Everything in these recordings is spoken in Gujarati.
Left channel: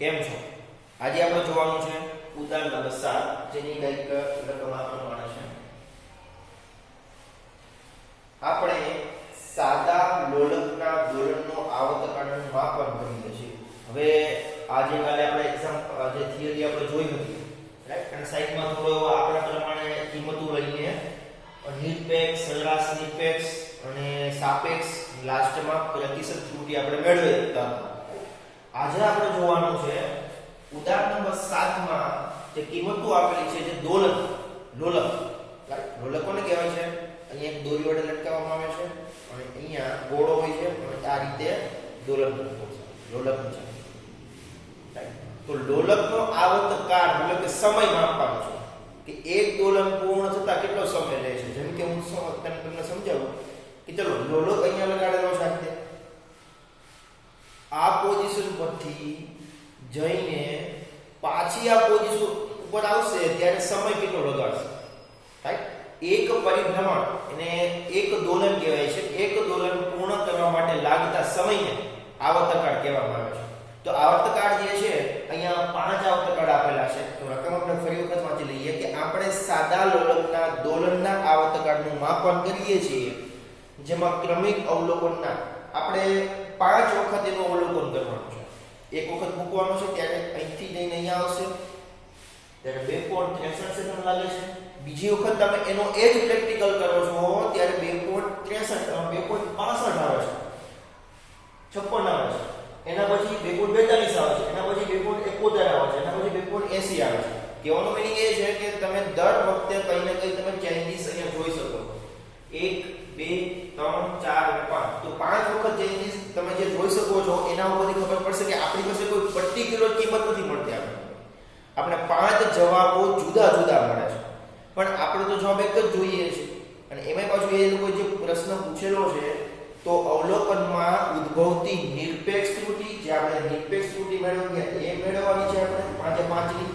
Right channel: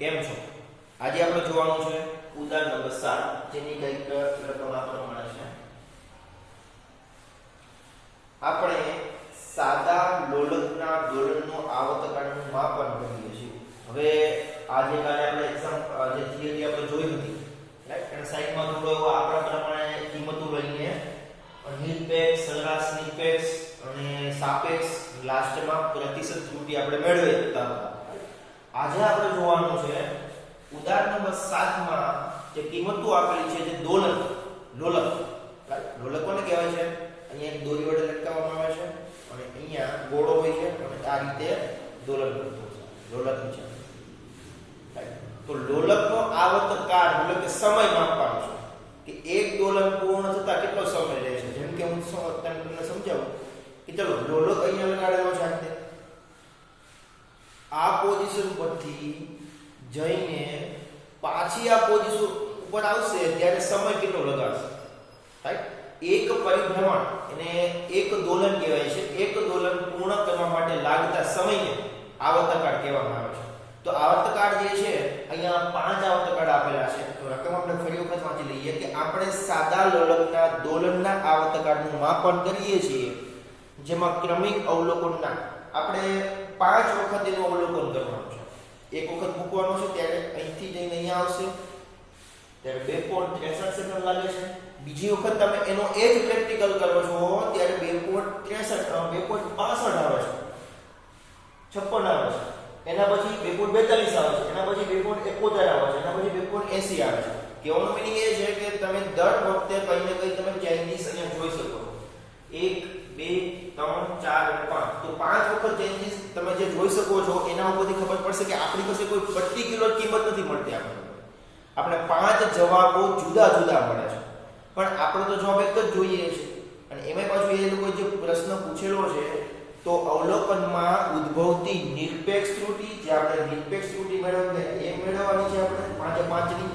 કેમ છો? આજે આપણે જોવાનું છે ઉદાહરણ નંબર 7 જેની કંઈક રકમ આ પ્રમાણે છે. આપણે સાદા લોલકના દોલનનો આવર્તકાળનું માપન કરીએ છીએ. હવે આજે કાલે આપણે એક્ઝામ જે થિયરી આપણે જોઈ હતી, રાઈટ, અને સાઈડમાં થોડો એવો આપણા પ્રમાણે કિંમતો લઈને નિરપેક્ષ, સરેરાશ નિરપેક્ષ અને સાપેક્ષ, લાસ્ટમાં પ્રતિશત ત્રુટિ આપણે મેળવી હતા. આજે આપણે જોવાનું છે ઉદાહરણ નંબર 7 માં જે કિંમતો આપેલી છે, જે લોલક, રાઈટ, લોલક કોને કહેવાય છે? અહીંયા એક દોરી વડે લટકાવવામાં આવે છે અને અહીંયા ગોળો હોય છે અને આ રીતે દોલન કરતો છે, લોલક છે, રાઈટ. તો લોલકનો આવર્તકાળ મતલબ કે સમય માપવાનો છે કે એક દોલન પૂર્ણ થતા કેટલો સમય લે છે. જેમ કે હું તમને સમજાવું કે ચલો લોલક અહીંયા લગાડેલો છે, આ રીતે આ પોઝિશન પરથી જઈને પાછી આ પોઝિશન ઉપર આવશે ત્યારે સમય કેટલો લગાડશે, રાઈટ. એક પરિભ્રમણ એને એક દોલન કહેવાય છે. એક દોલન પૂર્ણ કરવા માટે લાગતા સમયને આવર્તકાળ કહેવામાં આવે છે. તો આવર્તકાળ જે છે અહીંયા 5 આવર્તકાળ આપેલા છે. તો રકમ આપણે ફરી વખત વાંચી લઈએ કે આપણે સાદા લોલકના દોલનના આવર્તકાળનું માપન કરીએ છીએ, જેમાં ક્રમિક અવલોકનના આપણે 5 વખત એનું અવલોકન કરવાનું છે. એક વખત મૂકવાનું છે ત્યારે અહીંથી જઈને અહીંયા આવશે ત્યારે 2.63 સેકન્ડ લાગે છે. બીજી વખત તમે એનો એ જ પ્રેક્ટિકલ કરો છો ત્યારે 2.65 આવે છે, 56 આવે છે, એના પછી 2.42 આવે છે, એના પછી 2.71 આવે છે, એના પછી 2.80 આવે છે. કહેવાનો મીનિંગ એ છે કે તમે દર વખતે કંઈ ને કંઈ તમે ચેન્જીસ અહીંયા જોઈ શકો. 1 2 3 4 અને 5, તો 5 વખત ચેન્જીસ તમે જે જોઈ શકો છો એના ઉપરથી ખબર પડશે કે આપણી પાસે કોઈ પર્ટિક્યુલર કિંમત નથી મળતી. આપણે 5 જવાબો જુદા જુદા મળે છે, પણ આપણે તો જવાબ એક જ જોઈએ છે. અને એમાં પાછું એ લોકો જે પ્રશ્ન પૂછેલો છે તો અવલોકનમાં ઉદ્ભવતી નિરપેક્ષ ત્રુટિ, જે આપણે નિરપેક્ષ ત્રુટિ મેળવીએ એ મેળવવાની છે આપણે 5 ની.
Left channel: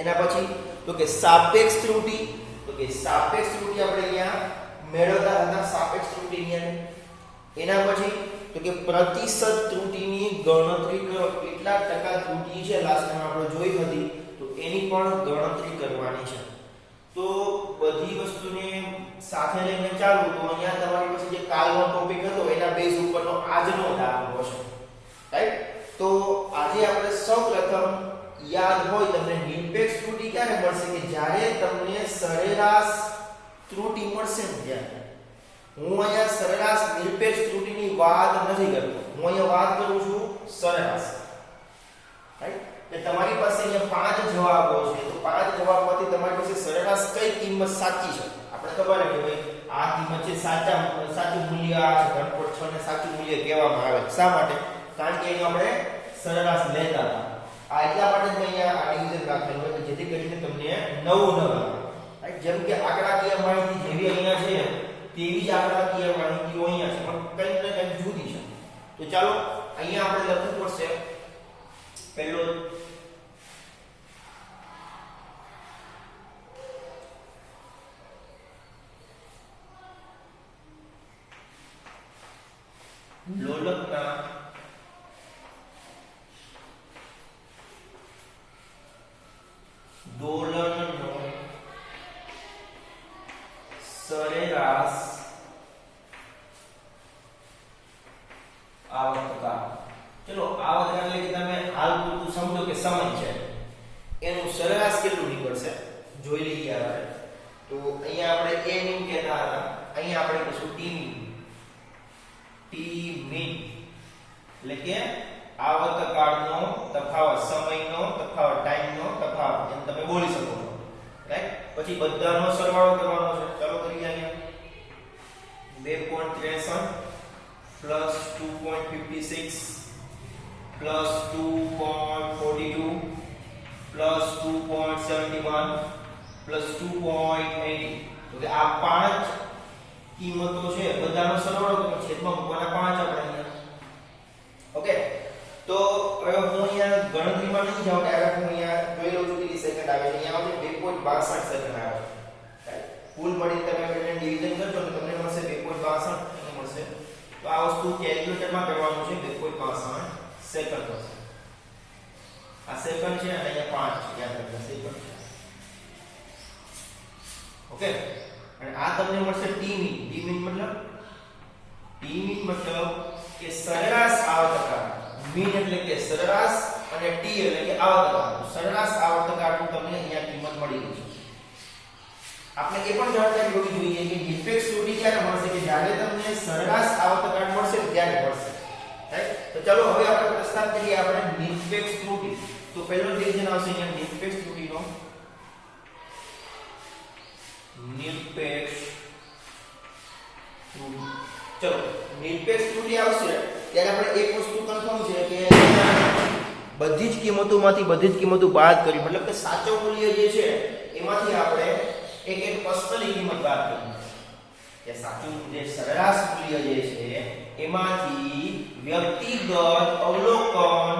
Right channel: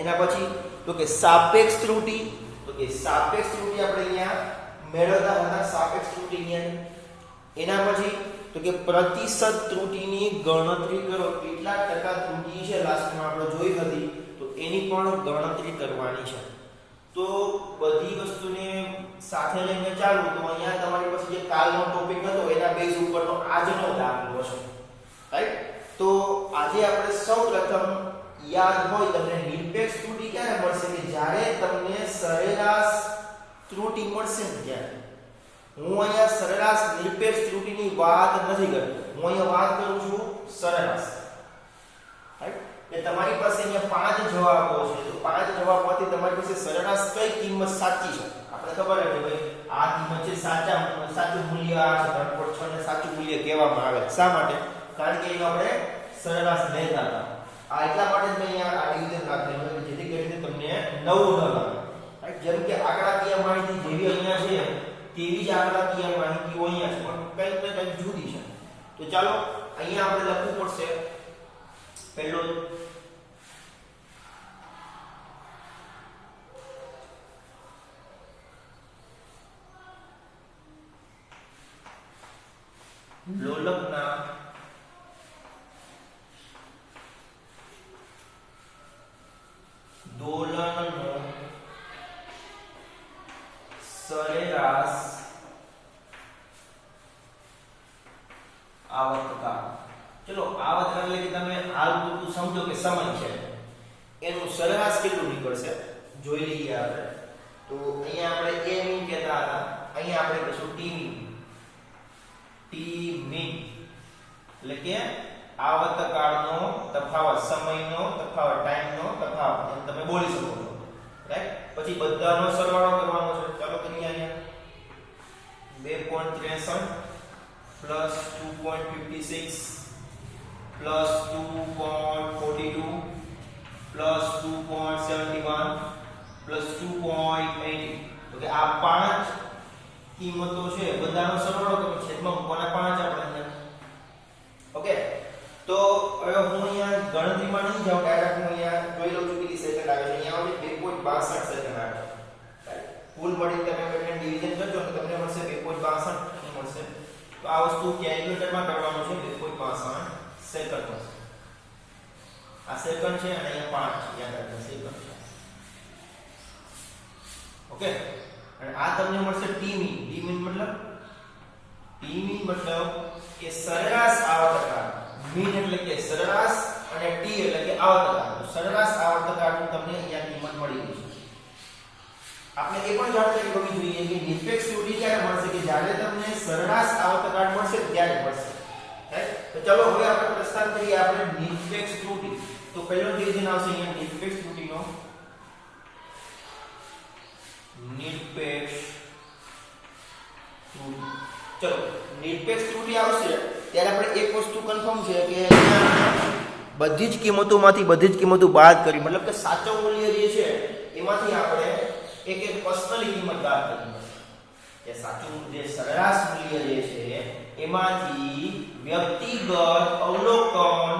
એના પછી તો કે સાપેક્ષ ત્રુટિ, તો કે સાપેક્ષ ત્રુટિ આપણે અહીંયા મેળવતા હતા, સાપેક્ષ ત્રુટિ અહીંયા. એના પછી તો કે પ્રતિશત ત્રુટિની ગણતરી કરો, કેટલા ટકા ત્રુટિ છે લાસ્ટમાં આપણે જોઈ હતી, તો એની પણ ગણતરી કરવાની છે. તો બધી વસ્તુને સાથે લઈને ચાલુ તો અહીંયા તમારી પાસે જે કાલનો ટોપિક હતો એના બેઝ ઉપરનો આજનો દાખલો છે, રાઈટ. તો આજે આપણે સૌપ્રથમ યાદ હોય તમને નિરપેક્ષ ત્રુટિ ક્યારે મળશે કે જ્યારે તમને સરેરાશ ત્રુટિ મળશે ને ત્યારે. હું અહીંયા સરેરાશ નિરપેક્ષ ત્રુટિની વાત નથી કરતો, હું અહીંયા વાત કરું છું સરેરાશ, રાઈટ. કે તમારી પાસે અહીંયા 5 જવાબો છે, તો 5 જવાબમાંથી તમારી પાસે સરેરાશ કઈ કિંમત સાચી છે. આપણે ખબર છે કે ભાઈ આ કિંમત છે સાચું મૂલ્ય આ છે, 3.6 ને સાચું મૂલ્ય કહેવામાં આવે. શા માટે? કારણ કે એનો આપણે સરેરાશ લેતા હતા. આ એટલા માટે જ મેં અહીંયા આ ડિવિઝન રાખેલું છે જેથી કરીને તમને નવું ન લાગે, રાઈટ. જેમ કે આંકડાકીય માહિતી જેવી અહીંયા છે તેવી જ આંકડાકીય માહિતીઓ અહીંયા છે, પણ કંઈક ને કંઈક જુદી છે. તો ચાલો અહીંયા આપણે લખવું પડશે પહેલો લોલકના દોલનનો સરેરાશ આવર્તકાળ. ચલો આવર્તકાળ એટલે કે તમે હાલ પૂરતું સમજો કે સમય છે, એનું સરેરાશ કેટલું નીકળશે જોઈ લઈએ આપણે. તો અહીંયા આપણે a min કહેતા હતા, અહીંયા આપણે કહીશું t min. t min એટલે કે આવર્તકાળનો તફાવત, સમયનો તફાવત, ટાઈમનો તફાવત એમ તમે બોલી શકો છો, રાઈટ. પછી બધાનો સરવાળો કરવાનો છે. ચાલો કરીએ. અહીંયા 2.63 પ્લસ 2.56 પ્લસ 2.42 પ્લસ 2.71 પ્લસ 2.80. તો કે આ 5 કિંમતો છે, બધાનો સરવાળો કરો, છેદમાં મૂકવાના 5 આપણે અહીંયા. ઓકે. તો હવે હું અહીંયા ગણતરીમાં નહીં જાઉં, ડાયરેક્ટ હું અહીંયા જોઈ લઉં છું કેટલી સેકન્ડ આવે છે. અહીંયા આવે 2.62 સેકન્ડ આવે છે. કુલ મળી તમે એને ડિવિઝન કરજો તો તમને મળશે 2.62 મળશે. તો આ વસ્તુ કેલ્ક્યુલેટરમાં કરવાનું છે. 2.62 સેકન્ડ થશે. આ સેકન્ડ છે અને અહીંયા 5 છે, યાદ રાખજો સેકન્ડ છે. ઓકે, અને આ તમને મળશે ટી મીન. ટી મીન મતલબ કે સરેરાશ આવર્તકાળ. મીન એટલે કે સરેરાશ અને ટી એટલે કે આવર્તકાળ. સરેરાશ આવર્તકાળનું તમને અહીંયા કિંમત મળી ગઈ છે. આપણે એ પણ જાણકારી હોવી જોઈએ કે નિરપેક્ષ ત્રુટિ ક્યારે મળશે, કે જ્યારે તમને સરેરાશ આવર્તકાળ મળશે ત્યારે મળશે. રાઈટ? તો ચલો હવે આપણે પ્રસ્થાન કરીએ આપણે નિરપેક્ષ ત્રુટિ. તો પહેલો ડિવિઝન આવશે અહીંયા નિરપેક્ષ ત્રુટિનો. નિરપેક્ષ ત્રુટિ. ચલો નિરપેક્ષ ત્રુટિ આવશે ત્યારે આપણે એક વસ્તુ કન્ફર્મ છે કે બધી જ કિંમતો બાદ કરી, મતલબ કે સાચો મૂલ્ય જે છે એમાંથી આપણે એક પર્સનલ કિંમત બાદ કરી. કે સાચું જે સરેરાશ મૂલ્ય જે છે એમાંથી વ્યક્તિગત અવલોકન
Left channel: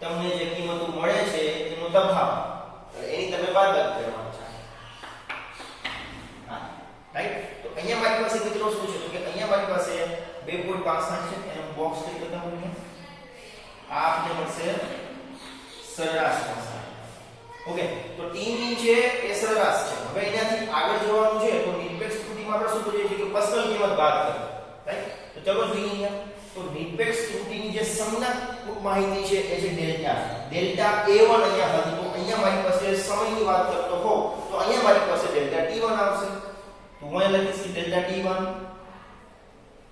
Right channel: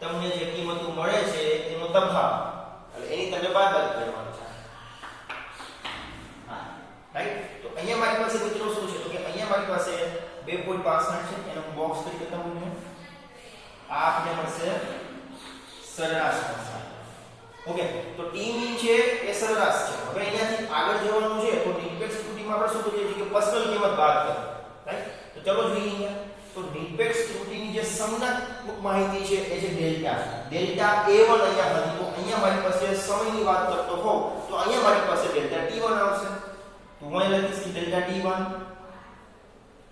તમને જે કિંમતો મળે છે એનો તફાવત, એની તમે બાદબાકી કરવાની છે. હા, રાઈટ? તો અહીંયા મારી પાસે મિત્રો શું છે, તો કે અહીંયા મારી પાસે 2.65 છે, એનો બોક્સ કરી દેતા હું આ આપણે મળશે સરેરાશ મળશે. ઓકે, તો ટી મીન છે એ સરેરાશ છે. હવે અહીંયાથી આગળ જવાનું છે તો નિરપેક્ષ ત્રુટિમાં આપણે શું કરીએ છીએ કે પર્સનલ કિંમત બાદ કરો. રાઈટ? તો ચલો જોઈએ અહીંયા. તો નિરપેક્ષ ત્રુટિની જે સંજ્ઞાત્મક માહિતી છે એ છે ડેલ્ટા. ડેલ્ટા A1 અહીંયા હતી, તો અહીંયા મારી પાસે સમયની વાત કરતો હોઉં તો અહીંયા મારી પાસે ડેલ્ટા T1 આવશે. તો હું અહીં લખીશ કે ડેલ્ટા T1.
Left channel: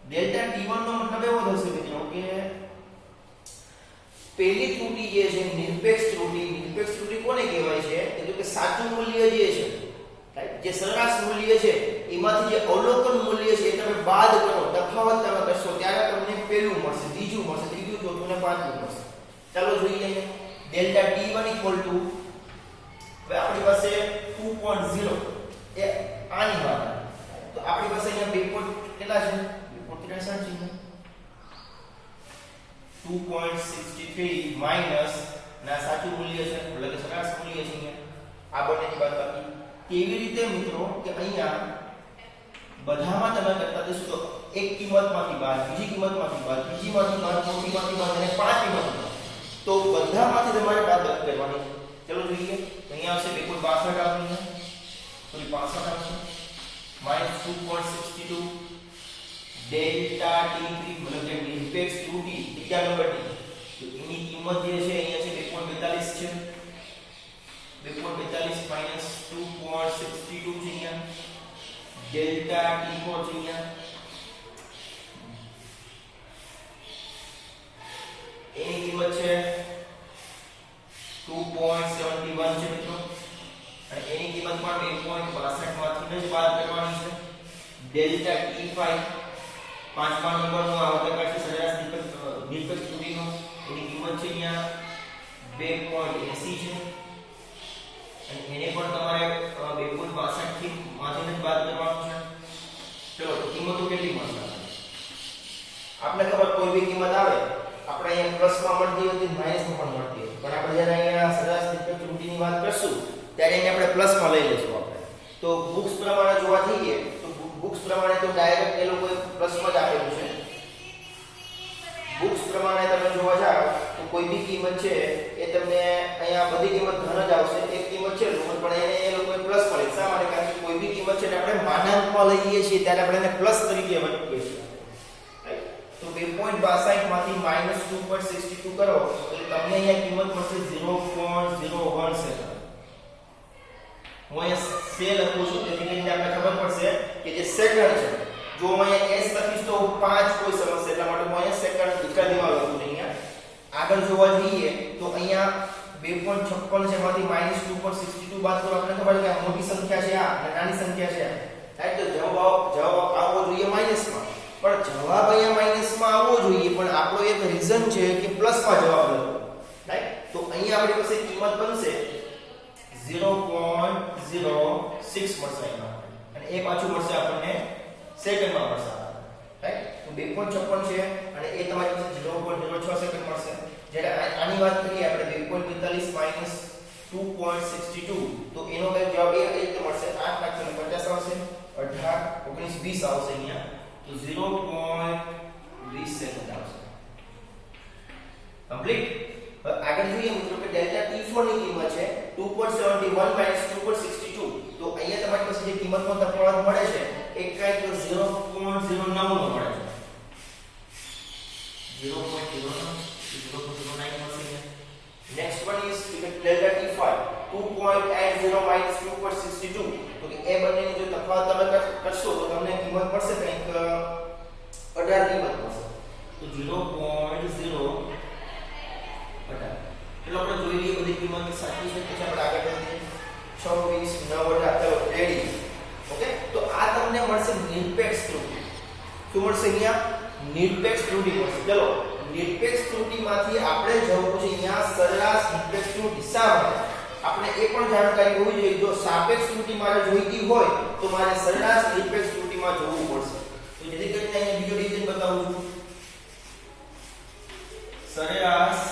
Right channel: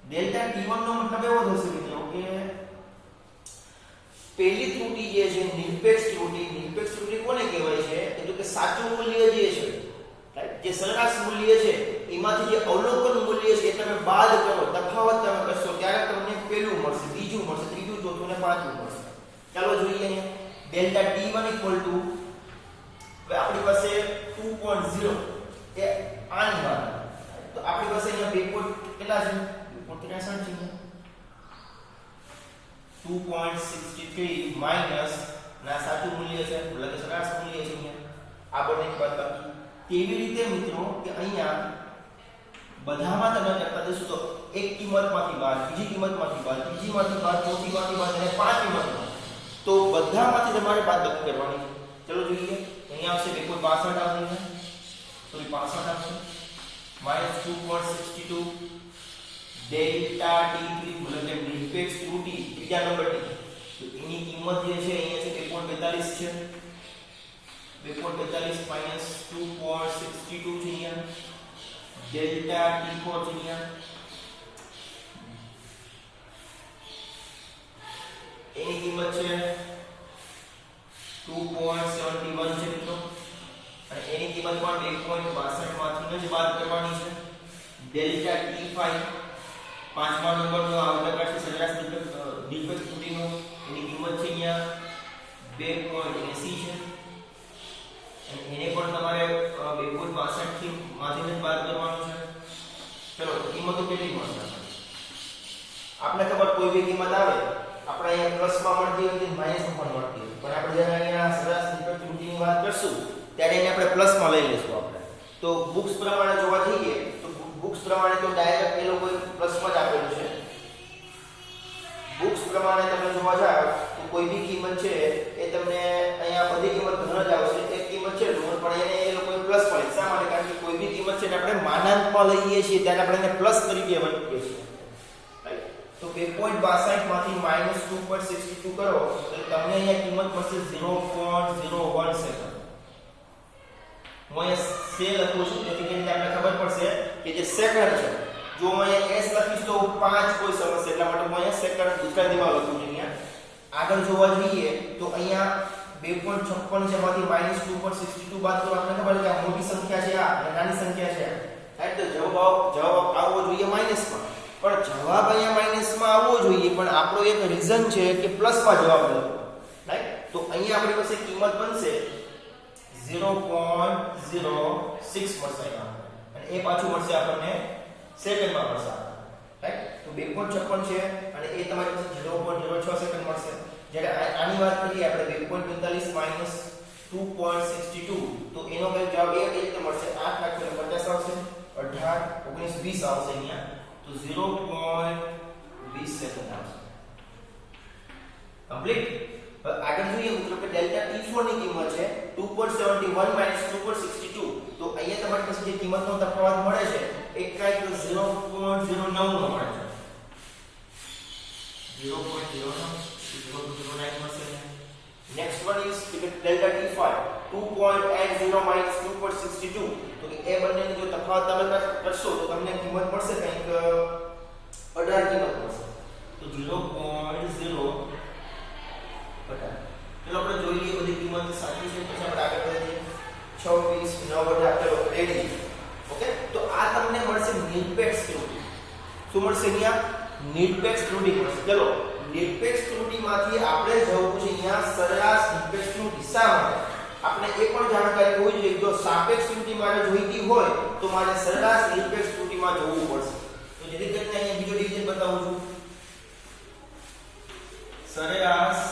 ડેલ્ટા T1 નો મતલબ એવો થશે મિત્રો કે પહેલી ત્રુટિ જે છે નિરપેક્ષ ત્રુટિ કોને કહેવાય છે, એટલે કે સાચું મૂલ્ય જે છે, રાઈટ, જે સરેરાશ મૂલ્ય છે એમાંથી જે અવલોકન મૂલ્ય છે એ તમે બાદ કરો, તફાવત તમે કરશો ત્યારે તમને પહેલું મળશે, બીજું મળશે, ત્રીજું, ચોથું અને પાંચમું મળશે. ચાલો જોઈએ ડેલ્ટા T1 ઇક્વલ ટુ, હવે આપણી પાસે 2.0 એ આની વાત. તો આપણી પાસે અહીંયા 2 કેટલા છે, 2.63 છે. 2.63 માઈનસ ના સાચું મૂલ્ય છે, એટલે કે સરેરાશ મૂલ્ય છે અહીંયા. આ બંનેની બાદબાકી. કેવી રીતે મિત્રો કે અહીંયા બધામાં તમે કરતા જશો તો એક કિંમતમાંથી બાદ, બીજી કિંમતમાંથી બાદ, ત્રીજીમાંથી બાદ, ચોથીમાંથી બાદ અને પાંચમીમાંથી બાદ. તો બધામાંથી તમારે બાદબાકી કરવાની. ચલો જોઈએ. અહીંયા આવશે 2.62 આવશે, સોરી 65 આવશે, -2.62 ડેલ્ટા T3 મતલબ જે નિરપેક્ષ ત્રુટિ ત્રીજા નંબરની, તો એની કિંમત જે છે અહીંયા છે 2.42 છે. 2.42 માઈનસ 2.62 છે અહીંયા. ડેલ્ટા T4 છે અહીંયા. એની કિંમત છે 2.71 છે મિત્રો. અને એની કિંમત પણ 2.62 માંથી જ બાદ કરવાની છે. ડેલ્ટા T5 પાંચમા નંબરનો આવર્તકાળ છે સરેરાશ નિરપેક્ષ ત્રુટિનો, એની કિંમત છે અહીંયા 2.80 છે. અને એને પણ તમારે 2.62 થી માંથી બાદ કરવાનું છે. ચલો તો કિંમતો કેટલી મળશે આપણે ખબર, કોઈ બી કિંમત આવે આપણે અહીંયા પ્લસમાં મળતી હોય તો માઈનસમાં પણ મળતી હોય, પણ આપણે જ્યારે અહીંયા સરેરાશ નિરપેક્ષ ત્રુટિની વાત કરશું ત્યારે અહીંયા આપણે પ્લસમાં લઈ લેશું. આપણે તો બુક્સ પ્રમાણે જોવા જઈએ તો બુક્સ પ્રમાણે તો ડાયરેક્ટ એ લોકો પ્લસમાં જ આપેલું છે. બુક્સ પ્રમાણે તમે જોવા જાવ તો કોઈ બી કિંમત છે એ તમને અહીંયા બધી કિંમત ધન જ આવશે. એક કિંમત છે ઋણ, પણ એને એ લોકો પ્લસમાં લઈ. શા માટે? કારણ કે કોઈ બી કિંમત છે આપણે માનાંકમાં લઈએ છીએ ત્યારે આપણે એને પ્લસ તરીકે મૂકીએ છીએ. રાઈટ? તો 2.62 માંથી -2.62 કરો એટલે તમને અહીંયા કિંમત મળશે 0.01 સેકન્ડ. હું અહીંયા સે લખું છું તેથી કરીને આપણે ખબર પડશે કે જે સેકન્ડ છે. જો હું અહીંયા s લખીશ તો 5 કોઈ સમસ્યા, એટલા માટે હું અહીંયા સેકન્ડ ગુજરાતીમાં લખું છું. અહીંયા આગળ જોવા જઈએ તો અહીંયા 2.56 છે માંથી -2.62 બાદ કરો આપણે ખબર છે કે આ મોટી સંખ્યા છે આ અને નાની સંખ્યા છે. રાઈટ? તો જવાબ આવવો જોઈએ માઈનસમાં, પણ જવાબ અહીંયા માઈનસમાં આવવો જોઈએ, પણ આપણો એક રીઝન છે કે પ્લસમાં જવાબ દો. રાઈટ? તો અહીંયા આપણી પાસે કિંમત બનશે 0.06 મળશે અને એ પાછું મળશે આપણને સેકન્ડમાં મળશે. રાઈટ? તો 2.56 છે અને એ તમારી પાસે 0.06 સેકન્ડ મળશે. જ્યારે આની વાત કરીએ આપણે 2.42 માઈનસ 2.62 તો એનો કઈ જવાબ એ રીતે મળશે 8,50,000 આવશે, 18, 19, 20 આવશે અહીંયા. તો 0.20 સેકન્ડ આવશે. કમ્પ્લીટ. આગળ જોઈએ મિત્રો કે 64 ની કિંમત છે 2.71 - 2.62 તો અહીંયા તમારી પાસે જે કિંમતનો તફાવત મળે છે એ કંઈક 0.09 નો મળે છે 0.09 મળશે. Next one is delta T5 2.80 - 2.62 તો કે એ બંનેની જો તફાવત તમે કરશો તો તમને કિંમત મળશે કંઈક 18 કિંમત મળશે. તો 0.0 18 ચલો આપણે જોઈ લઈએ બધી કિંમત સાચી છે પછી આપણે આગળ વધીએ. 26 9 ચલો રેડી. ઓકે તો આ તમને મળશે નિરપેક્ષ ત્રુટિ. શું મળશે અહીંયા? નિરપેક્ષ ત્રુટિ મળશે. ચલો નિરપેક્ષ ત્રુટિમાંથી આપણે જવું છે અહીંયા સરેરાશ નિરપેક્ષ ત્રુટિ. શા માટે? આપણે એ પણ જાણકારી હોવી જોઈએ જો સાપેક્ષ ત્રુટિ મારે જોઈતી હોય તો મારે સરેરાશ નિરપેક્ષ ત્રુટિમાં જવું પડશે. તો જેથી કરીને અહીંયા બીજો ડિવિઝન બતાવું છું. સરેરાશ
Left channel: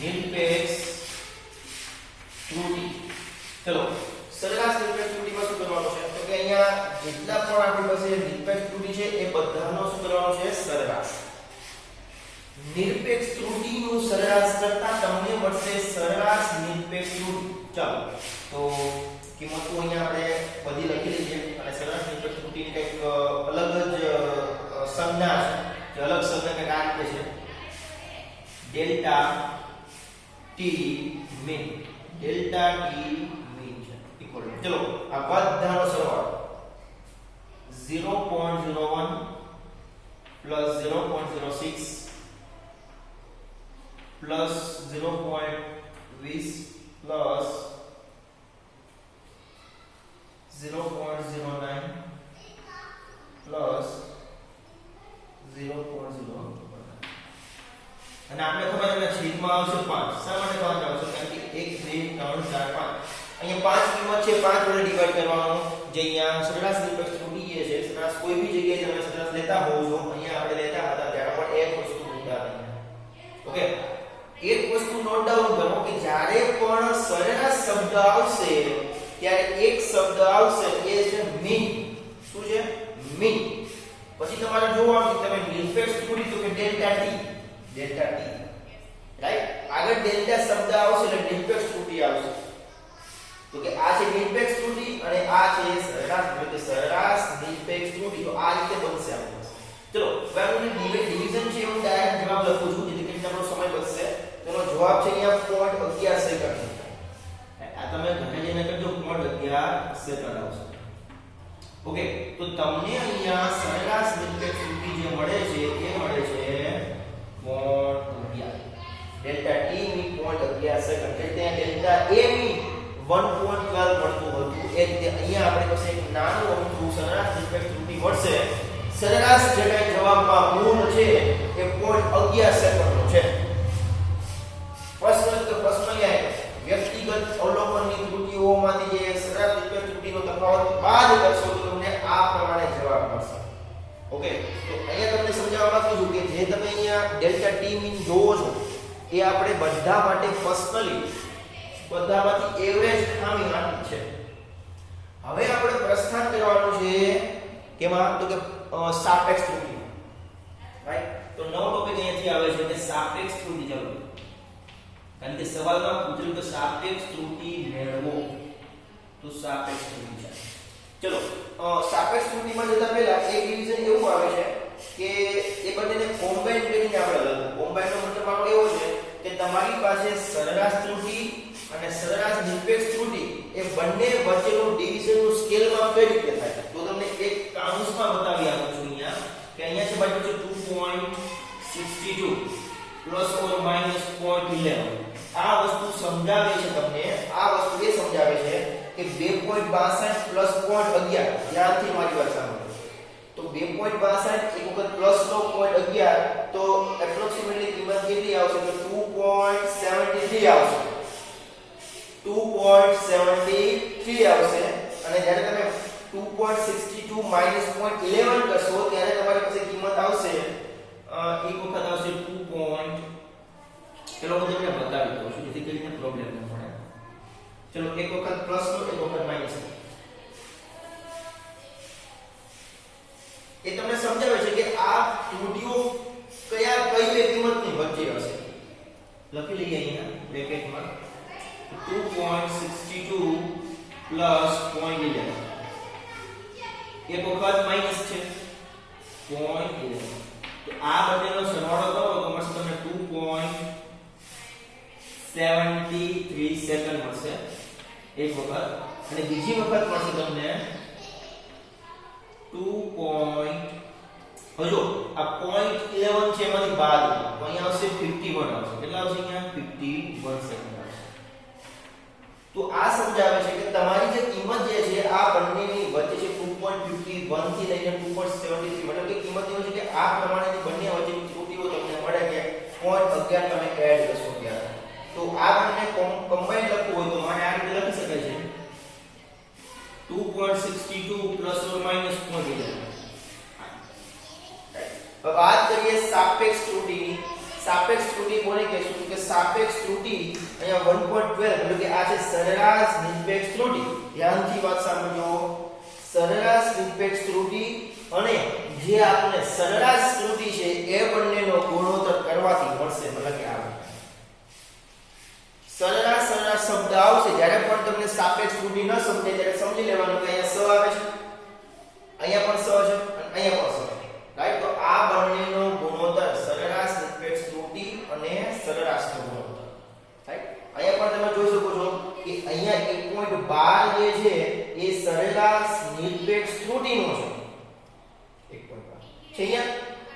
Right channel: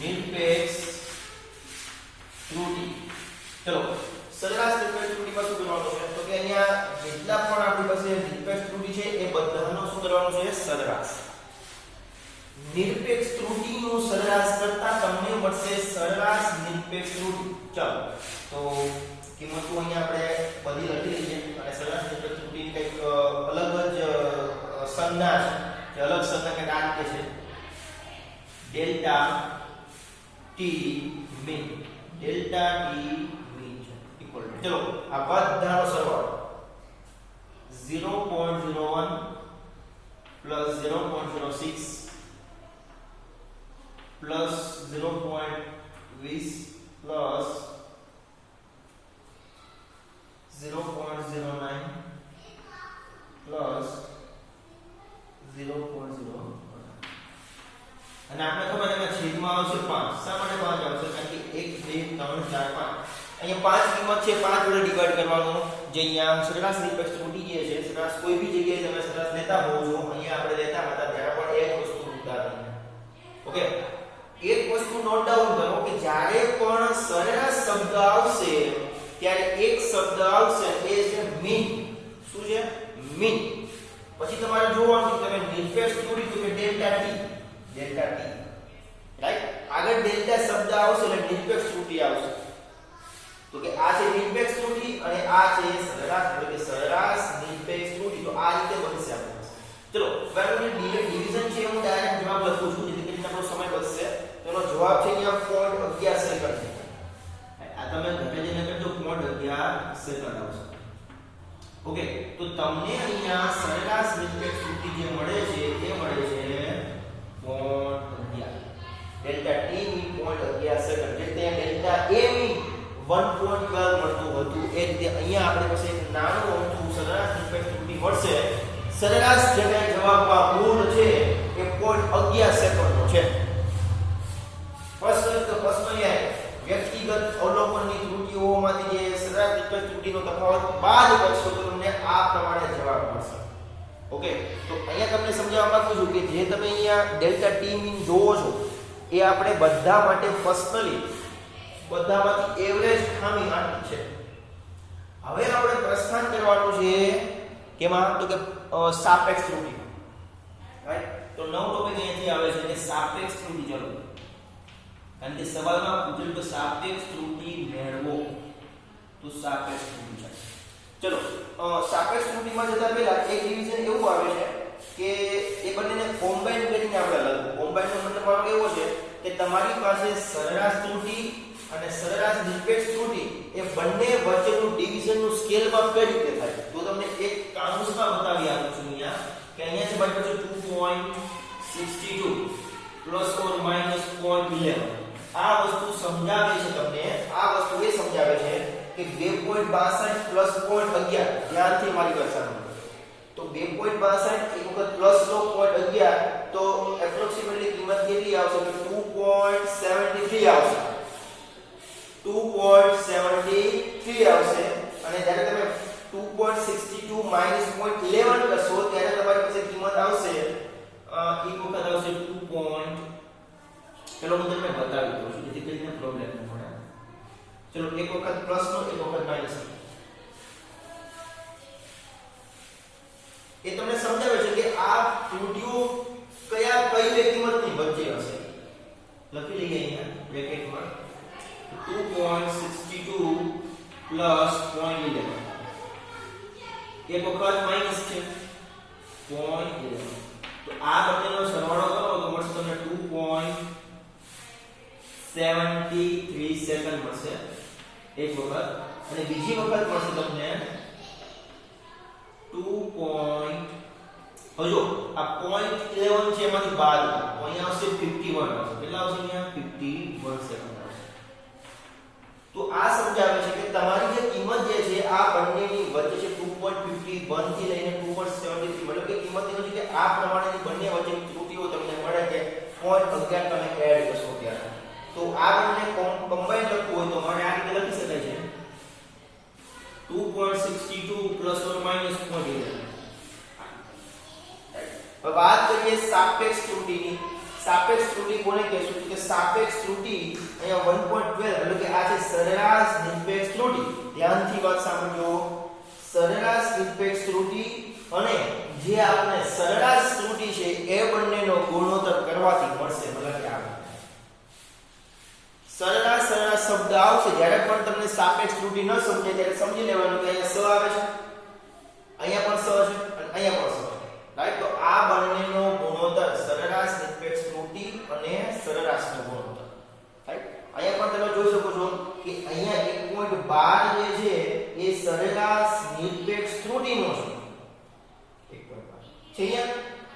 નિરપેક્ષ ત્રુટિ. ચલો સરેરાશ નિરપેક્ષ ત્રુટિમાં શું કરવાનું છે તો કે અહીંયા જેટલા પણ આપણી પાસે નિરપેક્ષ ત્રુટિ છે એ બધાનો શું કરવાનું છે? સરેરાશ. નિરપેક્ષ ત્રુટિનું સરેરાશ કરતા તમને મળશે સરેરાશ નિરપેક્ષ ત્રુટિ. ચાલો તો કિંમતો અહીંયા આપણે બધી લખી લઈએ અને સરેરાશ નિરપેક્ષ ત્રુટિની કંઈક અલગ જ સંજ્ઞા છે અલગ શબ્દ કે આ રીતે છે delta T mean. Delta T mean છે ઇક્વલ ટુ ચલો આ બધાનો સરવાળો 0.01 પ્લસ 0.06 પ્લસ 0.20 પ્લસ 0.09 પ્લસ 0.01 અને આપણે ખબર છે કે છેદમાં આવશે 5. શા માટે 5 આવશે? કારણ કે 1 2 3 4 5 અહીંયા 5 કિંમત છે 5 વડે ડિવાઈડ કરવાનો જે અહીંયા સરેરાશ નિરપેક્ષ ત્રુટિ જે છે સરેરાશ કોઈ બી જગ્યાએ તમે સરેરાશ લેતા હોવ છો અહીંયા આપણે લેતા હતા ત્યારે પણ એક વસ્તુ મુદ્દા હતી. ઓકે એક વસ્તુ નોટ ડાઉન કરો કે જ્યારે પણ સરેરાશ શબ્દ આવશે ત્યારે એક શબ્દ આવશે એ છે મીન. શું છે? મીન. પછી તમારે જોવાનું તમે નિરપેક્ષ ત્રુટિ તો કે ડેલ્ટા ટી રાઈટ. આગળ ડેલ્ટા શબ્દ આવશે એટલે નિરપેક્ષ ત્રુટિ આવશે. તો કે આ છે નિરપેક્ષ ત્રુટિ અને આ છે સરેરાશ એટલે કે સરેરાશ નિરપેક્ષ ત્રુટિ. તો આ રીતે બનશે આપણું. ચલો હવે આપણું ડિવિઝન છે હું ડાયરેક્ટ જવાબ લખું છું જેથી કરીને આપણો સમય બચશે. તો એનો જવાબ છે અહીંયા 0.11 સેકન્ડ. આ તમે ઘરે જઈને કરજો 0.11 સેકન્ડ આવશે. ઓકે તો તમને અહીંયા સરેરાશ નિરપેક્ષ ત્રુટિ જે મળે છે એ મળે છે 0.11 ડેલ્ટા ટી મી 0.11 સેકન્ડ. એટલે ડેલ્ટા એ મી 1.12 મળતું હતું એ રીતે અહીંયા આપણે પાસે એક નાનું અમથું સરેરાશ નિરપેક્ષ ત્રુટિ મળશે. સરેરાશ જે કઈ જવાબમાં મૂળ છે એ 0.11 સેકન્ડનો છે. પ્રશ્ન એ વ્યક્તિગત અવલોકનની ત્રુટિઓમાંથી જે સરેરાશ નિરપેક્ષ ત્રુટિનો તફાવત બાદ કરશો તો તમને આ પ્રમાણે જવાબ મળશે. ઓકે તો અહીંયા તમને સમજાવવા માંગુ છું કે જે તમે અહીંયા ડેલ્ટા ટી મીન જોવો છો એ આપણે બધા માટે પર્સનલી બધામાંથી એવરેજ ખામી માની છે. હવે આપણે પ્રસ્થાન કરવાનું છે કેમાં તો કે સાપેક્ષ ત્રુટિમાં. રાઈટ. તો નવો ટોપિક અહીંયાથી આવે છે કે સાપેક્ષ ત્રુટિ. ચાલો કારણ કે સવાલમાં પૂછેલું કે સાપેક્ષ ત્રુટિ મેળવો તો સાપેક્ષ ત્રુટિ છે. ચલો સાપેક્ષ ત્રુટિમાં જતા પહેલા એક ડિવિઝન એવું આવે છે કે એ બંનેને કોમ્બાઈન કરીને આપણે લખવું. કોમ્બાઈનનો મતલબ આનો એવો છે કે તમારી પાસે સરેરાશ ત્રુટિ અને સરેરાશ નિરપેક્ષ ત્રુટિ એ બંને વચ્ચેનું ડિવિઝનનું સ્કેલમાં કઈ રીતે થાય તો તમને એક કાઉન્સમાં બતાવી આપું છું અહીંયા કે અહીંયા છે ભાઈ પછી 2.62 પ્લસ ઓર માઈનસ 0.11. આ વસ્તુ સમજાવે છે તમને. આ વસ્તુ એ સમજાવે છે કે 2.62 પ્લસ 0.11 ધ્યાનથી મારી વાત સાંભળો. તો 2.62 એક વખત પ્લસ નો 0.11 તો એપ્રોક્સિમેટલી કિંમત કેટલી આવશે તો 2.73 આવશે. 2.73 આવશે અને જ્યારે તમે 2.62 માઈનસ 0.11 કરશો ત્યારે તમારી પાસે કિંમત આવશે એક વખત આવશે 2. ચલો હું તમને બતાવી દઉં છું જેથી કરીને પ્રોબ્લેમ ન પડે. ચલો એક વખત પ્લસ નો એક વખત માઈનસ નો. એ તમને સમજાવે છે કે આ ત્રુટિઓ કઈ બે કિંમતની વચ્ચે હશે. લખી લઈએ અહીંયા બ્રેકેટમાં 2.62 પ્લસ 0.11 એક વખત માઈનસ છે 0.11 તો આ બંનેનો સરવાળો કરો તો મળશે તમને 2.73 સેકન્ડ મળશે એક વખત અને બીજી વખત મળશે તમને 2. હજો આ 0.11 છે એમાંથી બાદ તો અહીંયા આવશે 51 આવશે કેટલા આવશે અહીંયા 51 સેકન્ડ આવશે તો આ સમજાવે છે કે તમારી જે કિંમત જે છે આ બંનેની વચ્ચે છે 2.51 થી લઈને 2.73 મતલબ કે કિંમતની વચ્ચે કે આ પ્રમાણેની બંને વચ્ચેની ત્રુટીઓ તમને મળે કે 0.11 તમે એડ કરશો ત્યારે તો આ બંને કમ્બાઈન લખવું હોય તો મને આ રીતે લખી શકાય છે 2.62 પ્લસ ઓર માઈનસ 0.11 હવે વાત કરીએ સાપેક્ષ ત્રુટિની સાપેક્ષ ત્રુટિ કોને કહેશું કે સાપેક્ષ ત્રુટિ અહીંયા 1.12 એટલે કે આ છે સરેરાશ નિરપેક્ષ ત્રુટિ ધ્યાનથી વાત સાંભળજો સરેરાશ નિરપેક્ષ ત્રુટિ અને જે આપણે સરેરાશ ત્રુટિ છે એ બંનેનો ગુણોત્તર કરવાથી મળશે મતલબ કે આ સરેરાશ શબ્દ આવશે જ્યારે પણ તમને સાપેક્ષ ત્રુટિ ન સમજે ત્યારે સમજી લેવાનું કે અહીંયા સ આવે છે અહીંયા પણ સ છે અને અહીંયા પણ સ છે રાઈટ તો આ બંનેનો ગુણોત્તર સરેરાશ નિરપેક્ષ ત્રુટિ અને સરેરાશનો ગુણોત્તર રાઈટ અહીંયા પણ તમે જોઈ શકો છો કે અહીંયા 1.12 જે છે એ સરેરાશ નિરપેક્ષ ત્રુટિનો છે 1.12 છે અહીંયા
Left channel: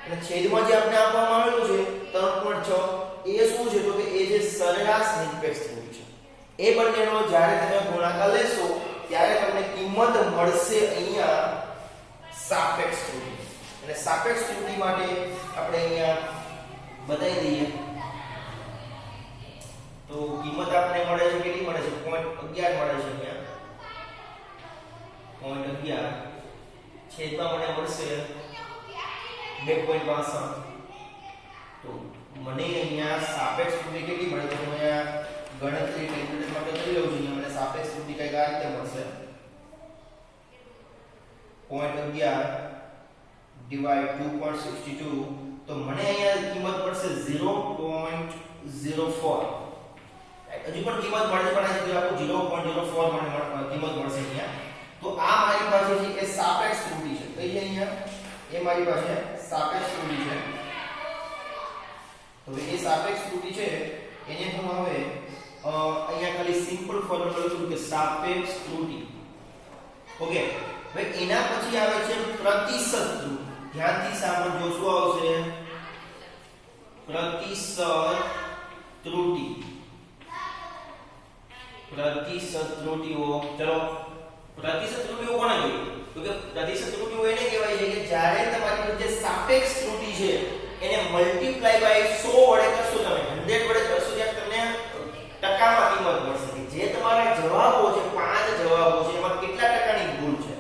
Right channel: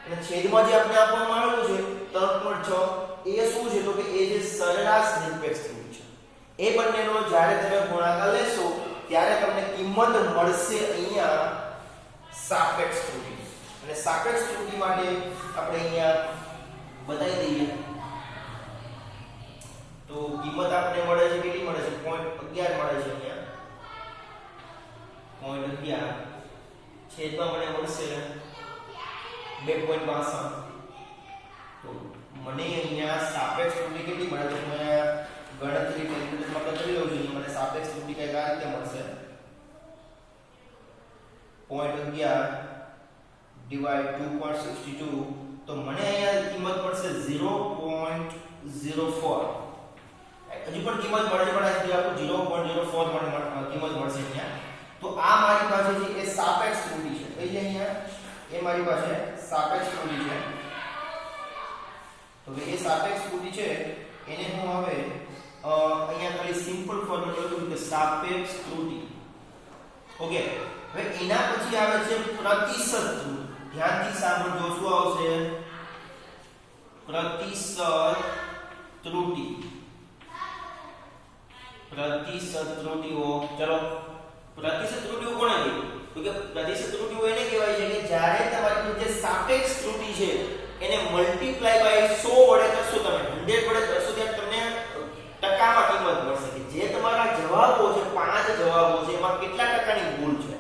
અને છેદમાં જે આપણે આપવામાં આવેલું છે 3.6 એ શું છે તો કે એ જે સરેરાશ નિરપેક્ષ ત્રુટિ છે એ બંનેનો જ્યારે તમે ગુણાકાર લેશો ત્યારે તમને કિંમત મળશે અહીંયા સાપેક્ષ ત્રુટિ અને સાપેક્ષ ત્રુટિ માટે આપણે અહીંયા બતાવી દઈએ તો કિંમત આપણે મળે છે કેટલી મળે છે 0.11 મળે છે અહીંયા 0.11 છેદમાં મને મળશે 2.62 તો મને અહીંયા સાપેક્ષ ત્રુટિ કેટલી મળે છે હું અહીંયા ગણતરી કેલ્ક્યુલેટરમાં કરી લઉં છું મને સાપેક્ષ ત્રુટિ કઈ આ રીતે મળશે 0.11 ડિવાઇડ 2.62 તો મને અહીંયા કિંમત મળશે 0.04 હજુ પણ કિંમત મળશે પણ આજે આપણું 0.04 મને કિંમત મળશે અહીંયા તો આ મારી પાસે છે એ સાપેક્ષ ત્રુટિ છે કઈ અહીંયા એ મારી પાસે સાપેક્ષ ત્રુટિ છે તો એ સાપેક્ષ ત્રુટિ છે એને હું હવે અહીંયા ખાલી સિમ્પલ ફોર્મ્યુલા લખું કે સાપેક્ષ ત્રુટિ ઓકે હવે એના પછી આવે છે પ્રતિશત ત્રુટિ ધ્યાનથી સાંભળજો શું આવશે પ્રતિશત ત્રુટિ ત્રુટિઓ ચલો પ્રતિશત ત્રુટિઓ કોને કહેવાય તો કે પ્રતિશત ત્રુટિઓ એને કહેવાય છે કે જ્યારે તમારી જે સાપેક્ષ ત્રુટિ છે એને મલ્ટીપ્લાય બાય 100 વડે કરશો તમે 100 વડે કરશો ત્યારે તમને ટકામાં કિંમત મળશે જે તમારા જવાબો છે 5 જવાબો છે એમાં કેટલા ટકાની ભૂલ છે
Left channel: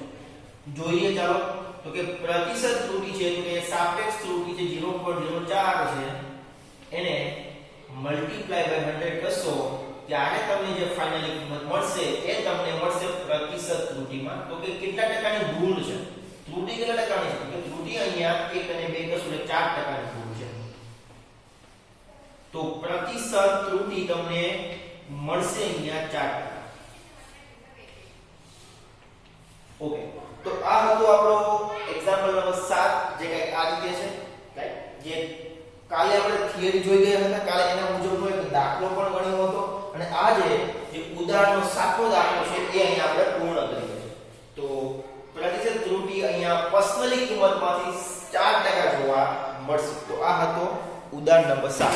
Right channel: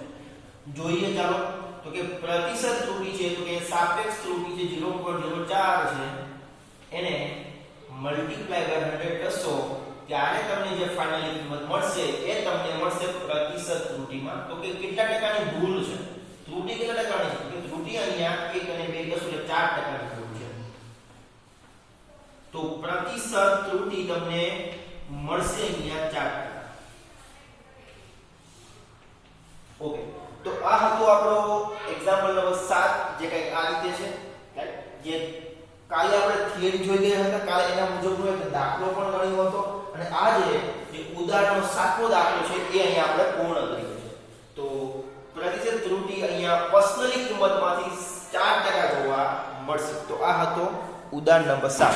જોઈએ ચાલો તો કે પ્રતિશત ત્રુટિ છે તો કે સાપેક્ષ ત્રુટિ જે 0.04 છે એને મલ્ટીપ્લાય બાય 100 કરશો ત્યારે તમને જે ફાઇનલી કિંમત મળશે એ તમને મળશે પ્રતિશત ત્રુટિમાં તો કે કેટલા ટકાની ભૂલ છે ત્રુટિ કેટલા ટકાની છે કે ત્રુટિ અહીંયા 1 અને 2 કરશો એટલે 4 ટકાની ભૂલ છે તો પ્રતિશત ત્રુટિ તમને મળશે અહીંયા 4%. ઓકે તો આ હતો આપણો એક્ઝામ્પલ નંબર 7 જે કંઈક આ રીતે છે રાઈટ જે કાલે આપણે થિયરી જોઈ ગયા હતા કાલે એના મુજબનો એક દાખલો પણ ગણ્યો હતો અને આજે જે ઉદાહરણનો 7મો દાખલો છે એ અહીંયા આપણે પૂર્ણ કરીએ છીએ તો પ્રતિશત ત્રુટિ અહીંયા પર્સનલી કિંમતમાંથી 4% જોવા મળશે તો આ હતો ઉદાહરણ નંબર 7